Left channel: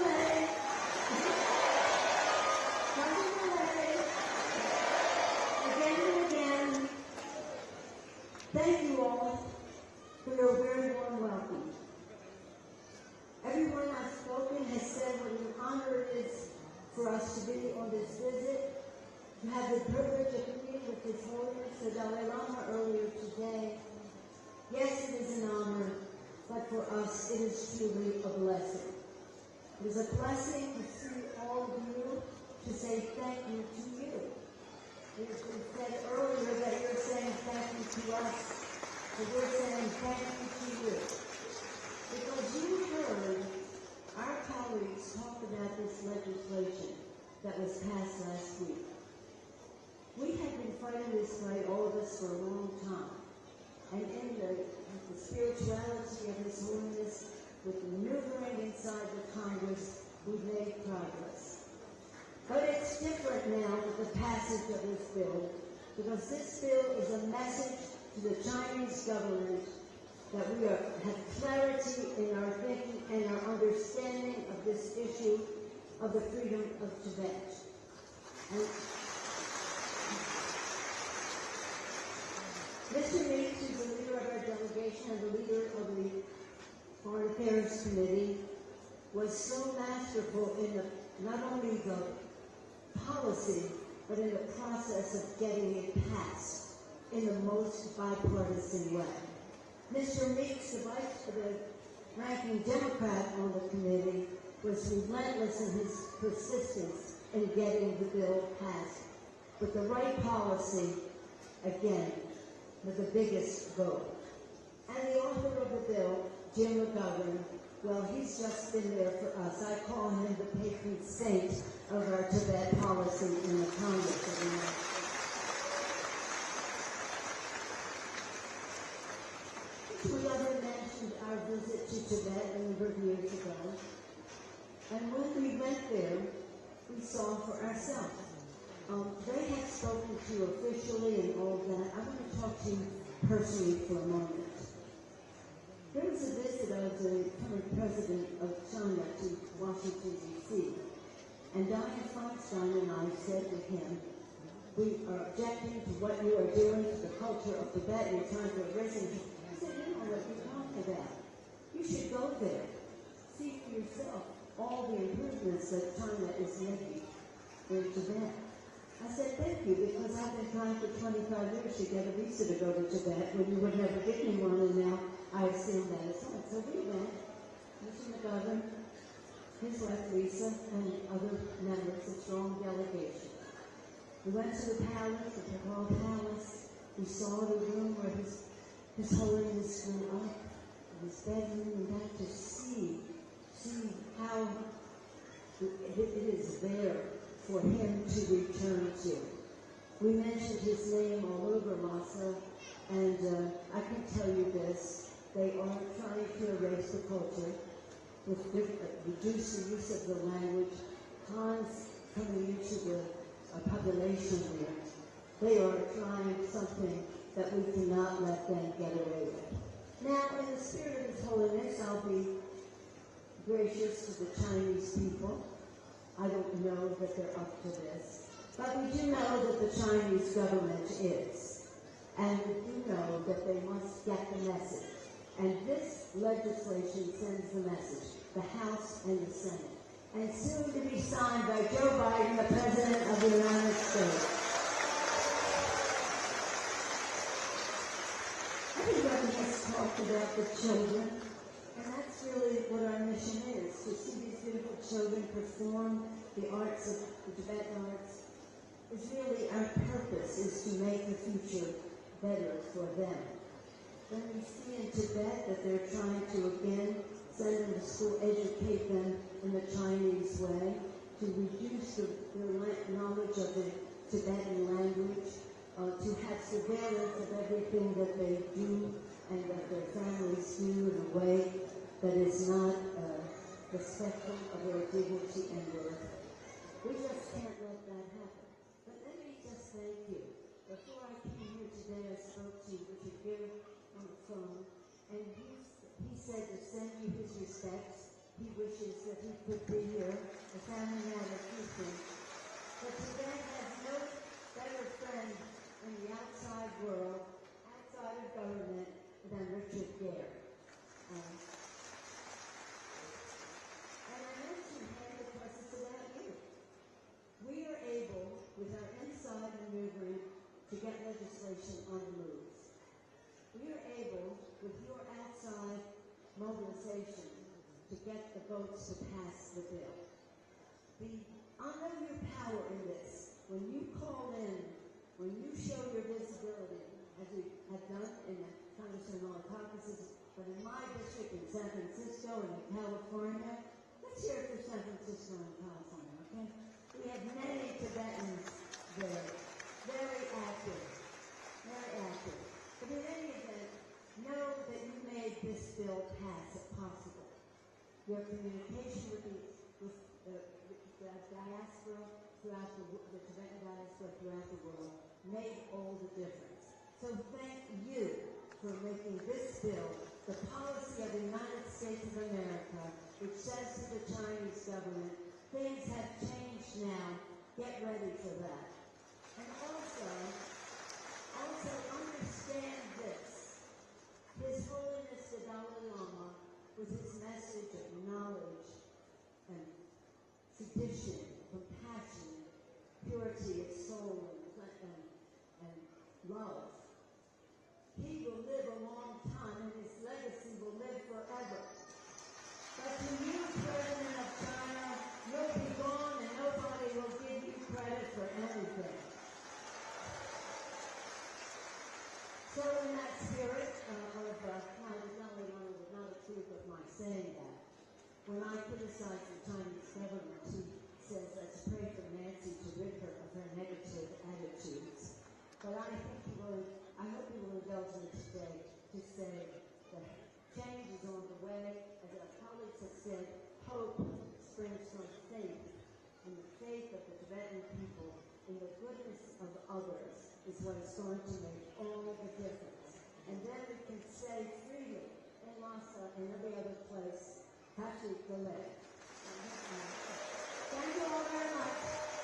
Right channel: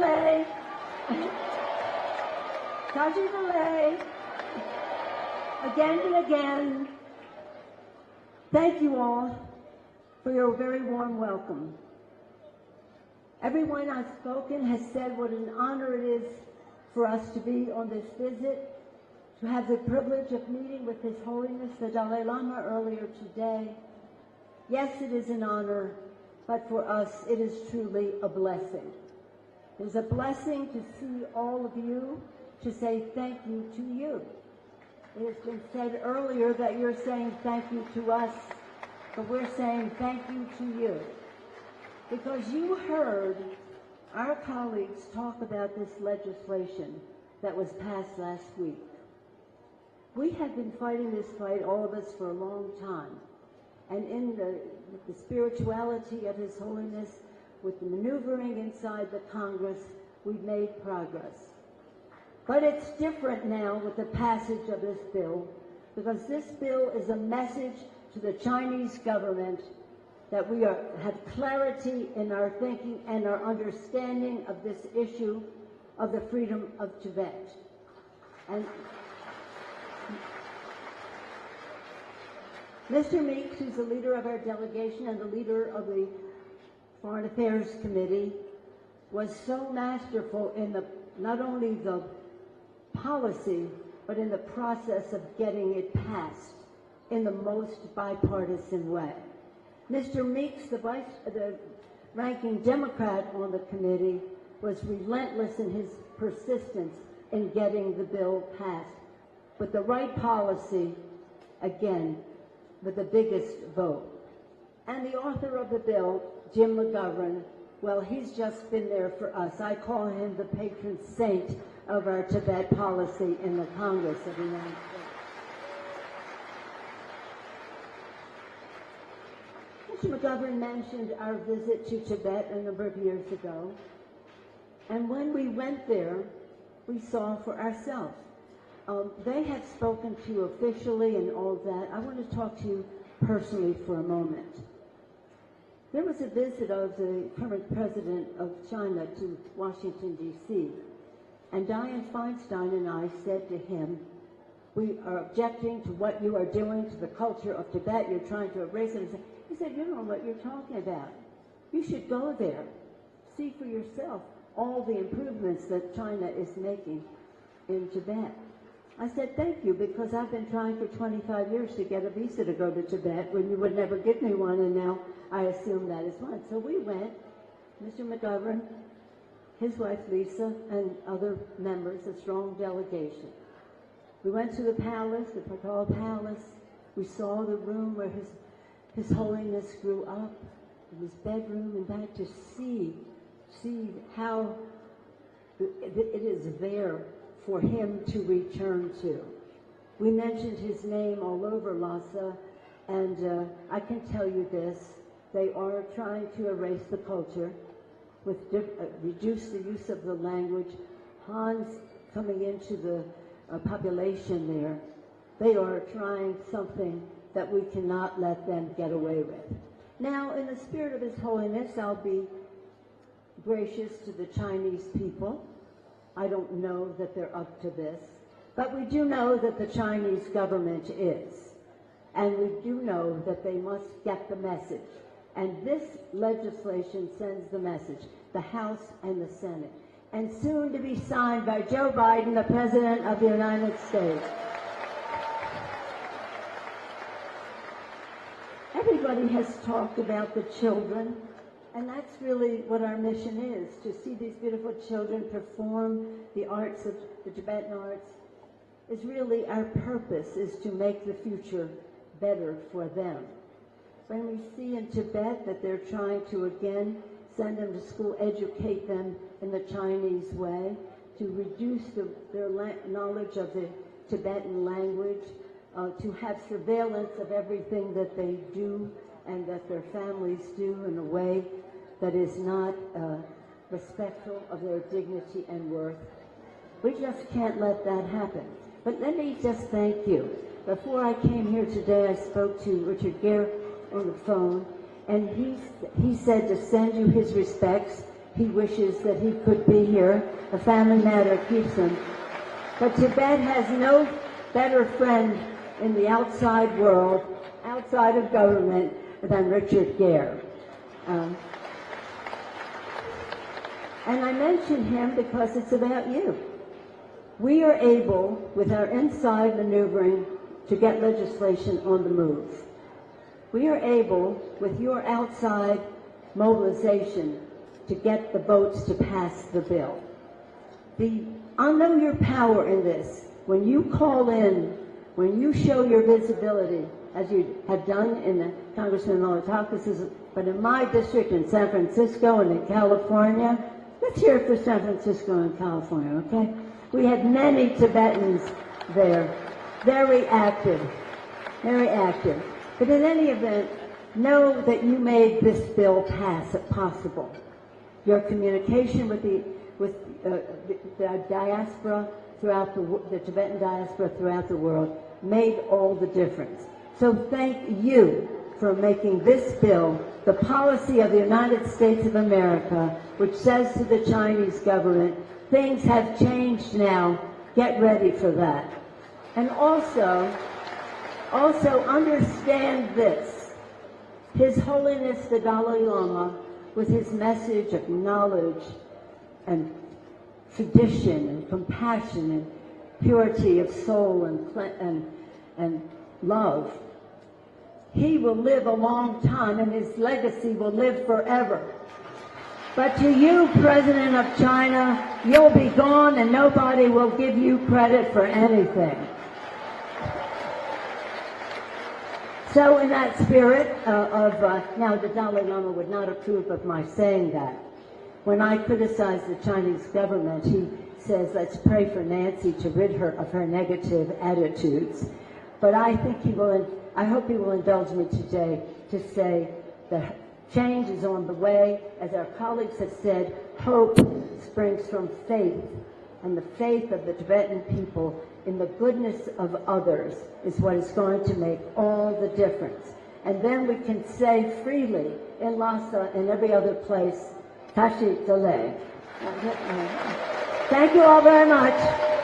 Delay. Dr. Delay. Again and again, thank you all for your very warm welcome. Everyone I've spoken has said what an honor it is for us to be on this visit, to have the privilege of meeting with His Holiness the Dalai Lama earlier today. Yes, it is an honor, but for us it is truly a blessing. It is a blessing to see all of you, to say thank you to you. It has been said earlier that you're saying thank you to us, but we're saying thank you to you. Because you heard our colleagues talk about this legislation that was passed last week. We have been fighting this fight, all of us, for a long time. And in the spirituality of His Holiness, with the maneuvering inside the Congress, we've made progress. But it's different now with the passage of this bill, because this bill is a message to the Chinese government that we have clarity in our thinking and our understanding of this issue of the freedom of Tibet. And Mr. Meeks, who's the leader of our delegation and the leader of the Foreign Affairs Committee, was so masterful in not only the policy, but in the process of getting it passed in the most bipartisan way. Mr. Meeks, the ranking Democrat on the committee, was relentless in his persistence in getting the bill passed. With the right policy, again, with the biggest vote. And the author of the bill, Jim McGovern, well, he's just been there for us. I call him the patron saint of our Tibet policy in the Congress of the United States. Mr. McGovern mentioned our visit to Tibet a number of years ago. And when we went there, we saw for ourselves. They had spoken to you officially and all that. I want to talk to you personally for a moment. There was a visit of the current president of China to Washington, D.C., and Dianne Feinstein and I said to him, we are objecting to what you are doing to the culture of Tibet. You're trying to erase it. He said, you know what you're talking about. You should go there. See for yourself all the improvements that China is making in Tibet. I said, thank you, because I've been trying for 25 years to get a visa to go to Tibet when you would never give me one, and now I assume that is fine. So we went, Mr. McGovern, his wife Lisa, and other members, a strong delegation. We went to the palace, the Pakal Palace. We saw the room where His Holiness grew up, in his bedroom, and back to see how it is there for him to return to. We mentioned his name all over Lhasa, and I can tell you this, they are trying to erase the culture, with reduce the use of the language. Hans coming into the population there, they are trying something that we cannot let them get away with. Now, in the spirit of His Holiness, I'll be gracious to the Chinese people. I don't know that they're up to this, but we do know that the Chinese government is. And we do know that they must get the message. And this legislation sends the message, the House and the Senate, and soon to be signed by Joe Biden, the President of the United States. Everybody has talked about the children, and that's really what our mission is, to see these beautiful children perform the arts of the Tibetan arts. Is really our purpose, is to make the future better for them. When we see in Tibet that they're trying to, again, send them to school, educate them in the Chinese way, to reduce their knowledge of the Tibetan language, to have surveillance of everything that they do and that their families do in a way that is not respectful of their dignity and worth. We just can't let that happen. But let me just thank you. Before I came here today, I spoke to Richard Gere on the phone, and he said to send you his respects. he wishes that he could be here. A family matter keeps him. But Tibet has no better friend in the outside world, outside of government, than Richard Gere. And I mention him because it's about you. We are able, with our inside maneuvering, to get legislation on the move. We are able, with your outside mobilization, to get the votes to pass the bill. I know your power in this. When you call in, when you show your visibility, as you have done in the Congressman Malatakis, but in my district in San Francisco and in California, let's hear it for San Francisco and California, okay? We had many Tibetans there, very active, very active. But in any event, know that you made this bill pass possible. Your communication with the diaspora throughout the Tibetan diaspora throughout the world made all the difference. So thank you for making this bill the policy of the United States of America, which says to the Chinese government, things have changed now, get ready for that. And also understand this. His Holiness the Dalai Lama, with his message of knowledge and tradition and compassion and purity of soul and love, he will live a long time and his legacy will live forever. But to you, President of China, you'll be gone and nobody will give you credit for anything. So in that spirit now the Dalai Lama would not approve of my saying that. When I criticize the Chinese government, he says, let's pray for Nancy to rid her of her negative attitudes. But I hope he will indulge me today to say the change is on the way. As our colleagues have said, hope springs from faith, and the faith of the Tibetan people in the goodness of others is what is going to make all the difference. And then we can say freely in Lhasa and every other place, Tashi Dele. Thank you all very much.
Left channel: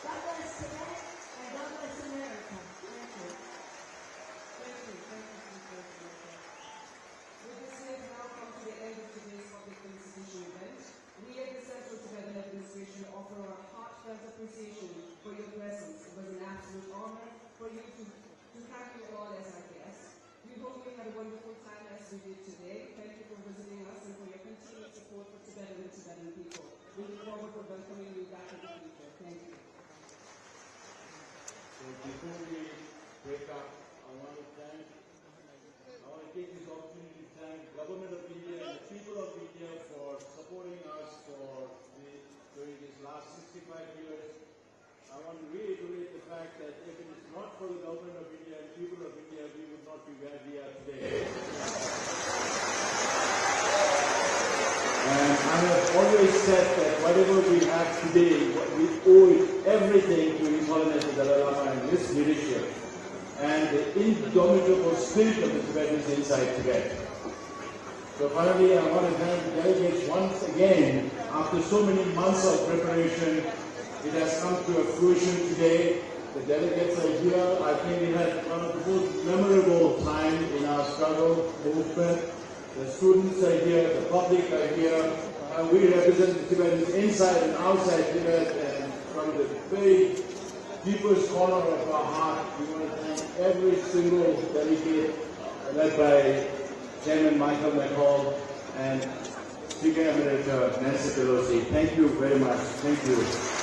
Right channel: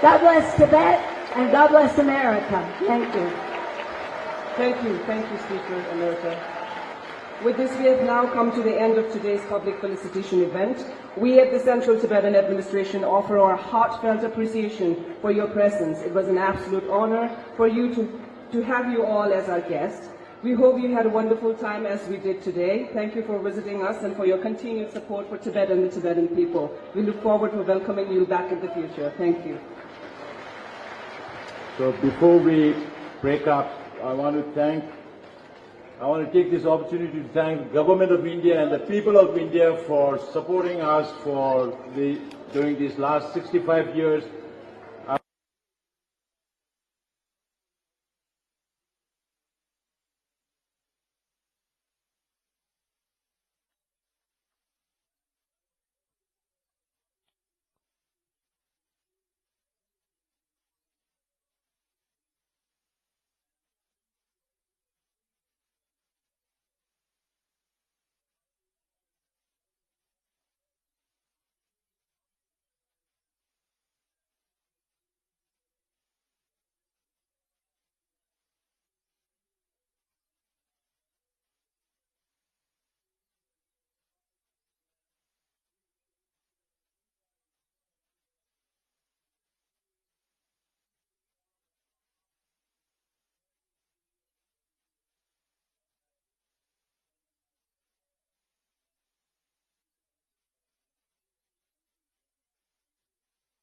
God bless Tibet and God bless America. Thank you. Thank you, Speaker Emerita. With this, we have now come to the end of today's public felicitation event. We at the Central Tibetan Administration offer our heartfelt appreciation for your presence. It was an absolute honor for you to have you all as our guests. We hope you had a wonderful time as we did today. Thank you for visiting us and for your continued support for Tibet and the Tibetan people. We look forward to welcoming you back in the future. Thank you. So before we break up, I want to take this opportunity to thank the Government of India and the people of India for supporting us during these last 65 years. I want to reiterate the fact that if it is not for the Government of India and people of India, we would not be where we are today. And I have always said that whatever we have today, we owe everything to His Holiness the Dalai Lama and his leadership, and the indomitable spirit of the Tibetans inside Tibet. So finally, I want to thank the delegates once again. After so many months of preparation, it has come to a fruition today. The delegates are here. I think we had one of the most memorable times in our struggle movement. The students are here, the public are here. We represent the Tibetans inside and outside Tibet, and from the very deepest corner of our heart, we want to thank every single delegate led by Chairman Michael McCall and Speaker Emerita Nancy Pelosi. Thank you very much. Thank you.